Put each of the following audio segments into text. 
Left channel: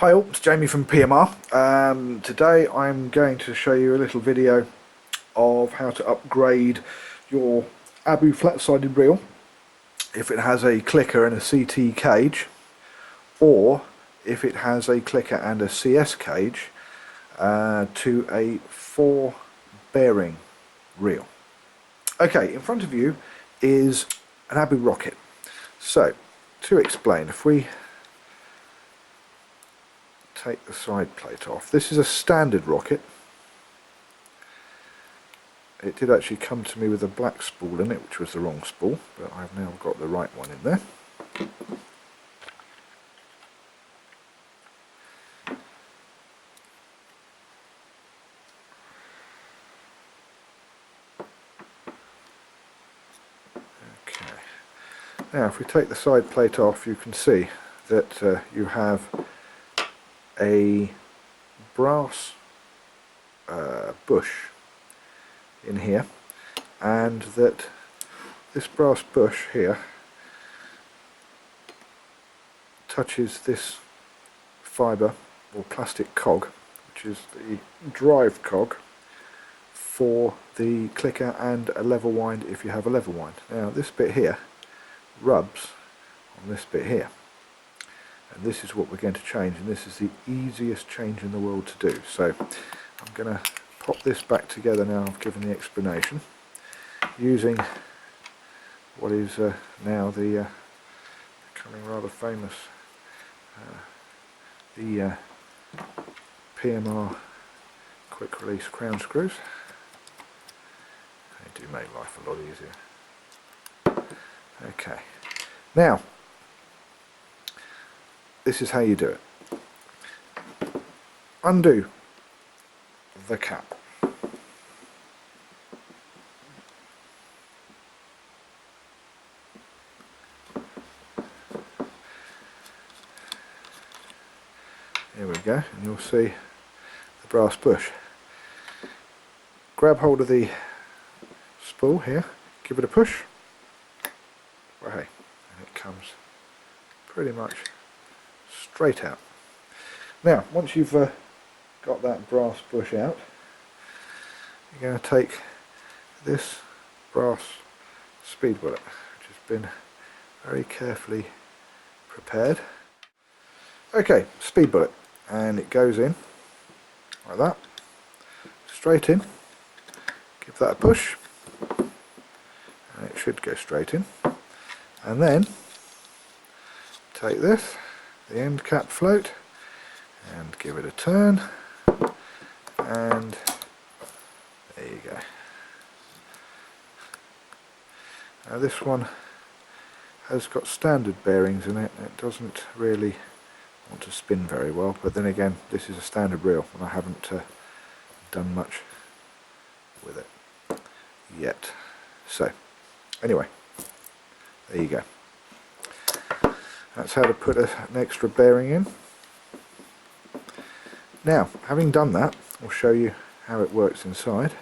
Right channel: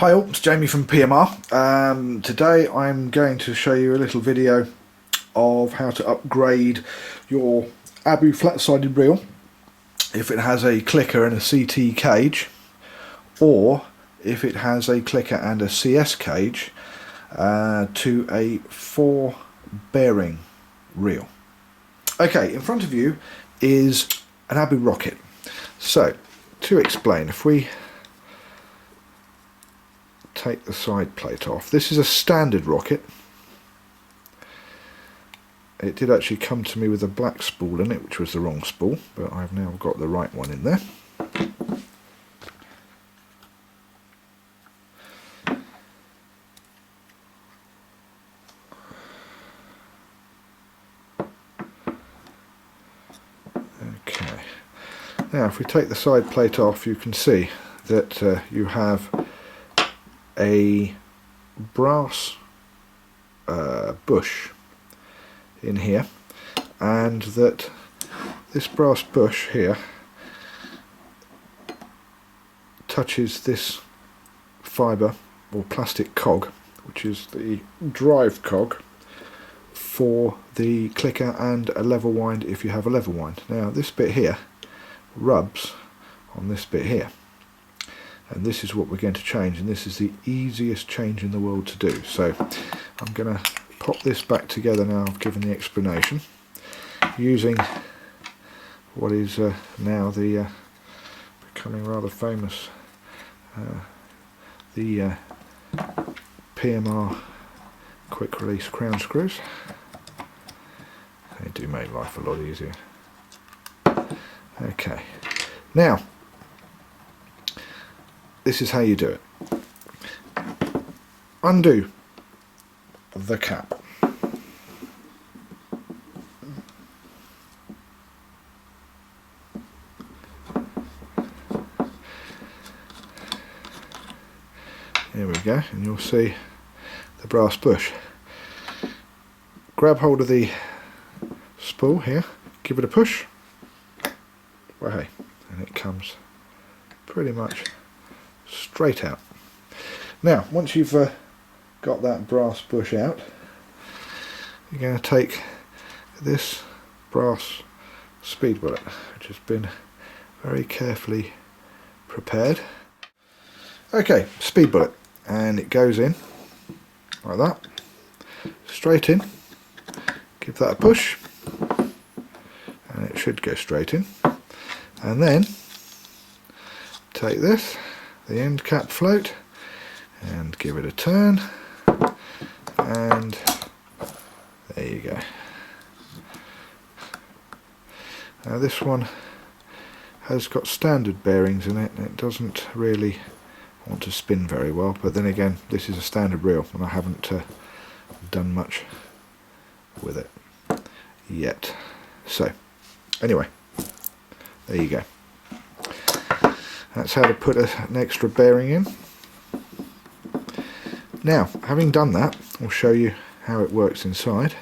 Hi all, it's Jamie from PMR. Today I'm going to show you a little video of how to upgrade your Abu flat-sided reel if it has a clicker and a CT cage, or if it has a clicker and a CS cage, to a 4 bearing reel. Okay, in front of you is an Abu rocket. So to explain, if we take the side plate off. This is a standard rocket. It did actually come to me with a black spool in it, which was the wrong spool, but I've now got the right one in there. Okay. Now if we take the side plate off, you can see that you have a brass bush in here, and that this brass bush here touches this fibre or plastic cog, which is the drive cog for the clicker and a level wind if you have a level wind. Now this bit here rubs on this bit here, and this is what we're going to change, and this is the easiest change in the world to do. So I'm going to pop this back together now I've given the explanation, using what is now the becoming rather famous the PMR quick release crown screws. They do make life a lot easier. Okay, now this is how you do it. Undo the cap. There we go, and you'll see the brass bush. Grab hold of the spool here, give it a push, well, hey, and it comes pretty much straight out. Now once you've got that brass bush out, you're going to take this brass speed bullet, which has been very carefully prepared. Okay, speed bullet, and it goes in like that, straight in. Give that a push and it should go straight in, and then take this, the end cap float, and give it a turn, and there you go. Now this one has got standard bearings in it, and it doesn't really want to spin very well, but then again this is a standard reel and I haven't done much with it yet. So anyway, there you go. That's how to put an extra bearing in. Now, having done that, I'll show you how it works inside.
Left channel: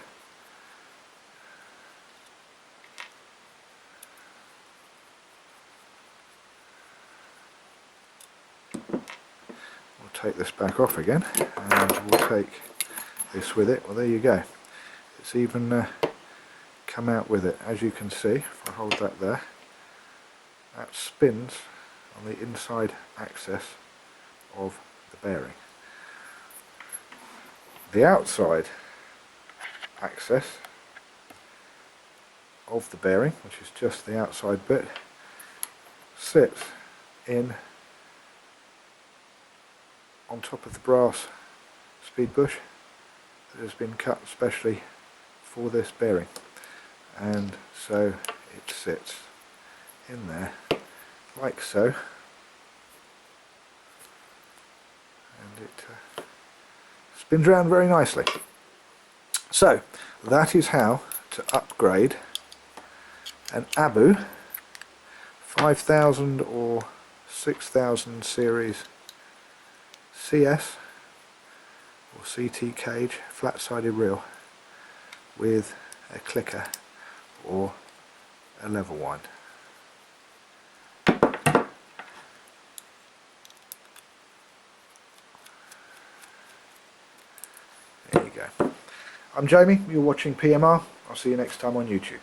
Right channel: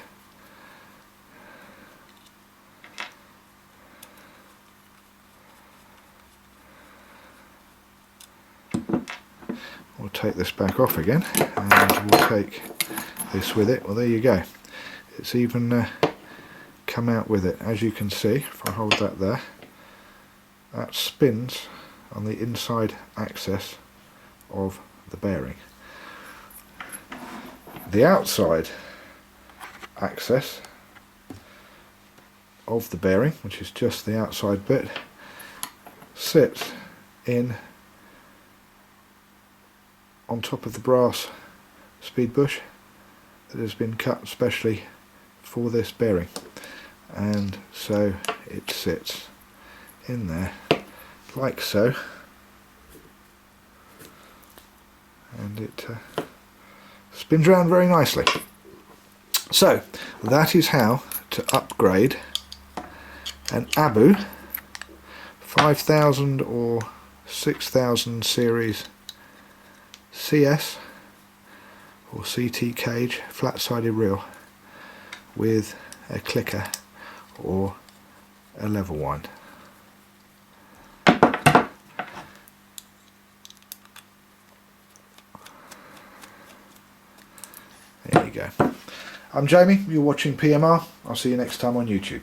We'll take this back off again, and we'll take this with it. Well, there you go. It's even come out with it. As you can see, if I hold that there, that spins on the inside axis of the bearing. The outside axis of the bearing, which is just the outside bit, sits in on top of the brass speed bush that has been cut specially for this bearing, and so it sits in there like so, and it spins around very nicely. So that is how to upgrade an Abu 5000 or 6000 series CS or CT cage flat-sided reel with a clicker or a level wind. go. I'm Jamie, you're watching PMR. I'll see you next time on YouTube.